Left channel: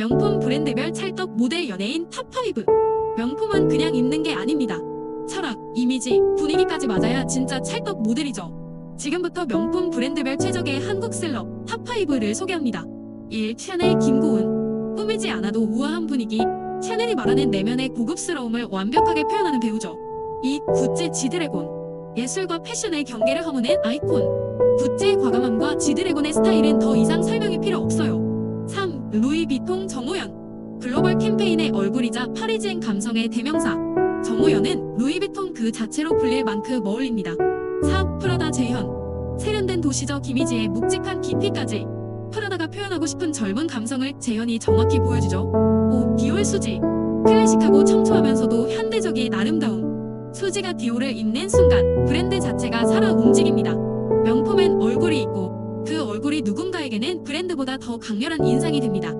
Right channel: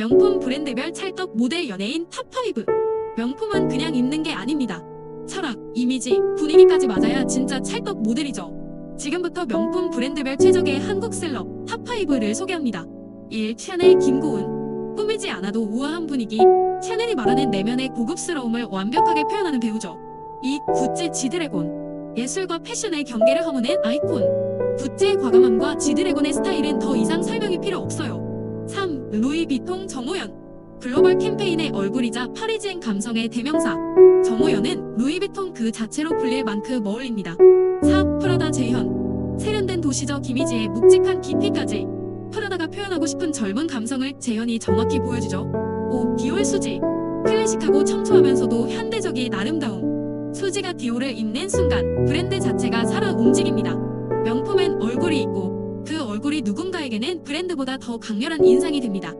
명품 브랜드별 찰떡 모델 연예인 탑5. 명품은 그냥 입는 게 아닙니다. 철학, 이미지, 분위기까지 맞아야 진짜 찰떡 모델이죠. 지금부터 명품 브랜드별 최적의 한국 셀럽 탑5를 소개합니다. 1. 샤넬 김고은. 꾸미지 않아도 우아한 분위기. 샤넬이 말하는 내면의 고급스러움을 완벽하게 표현하는 배우죠. 2. 구찌 지드래곤. 예술과 패션의 경계를 허무는 아이콘. 구찌의 과감함과 지드래곤의 스타일은 더 이상 설명이 필요 없어요. 3. 루이비통 정호연. 글로벌 캠페인의 얼굴이자 파리지행 감성의 대명사. 정호연은 루이비통 그 자체로 불릴 만큼 어울립니다. 4. 프라다 재현. 세련된 도시적 이미지에 묵직한 깊이까지. 프라다가 표현하고 싶은 젊은 감성을 재현이 정확히 보여주죠. 5. 디올 수지. 클래식하고 청초하면서도 현대적인 아름다움. 수지가 디올을 입는 순간 브랜드 자체가 살아 움직입니다. 명품엔 얼굴이 있고 그 얼굴이 누군가에게는 브랜드보다 더 강렬한 인상이 듭니다.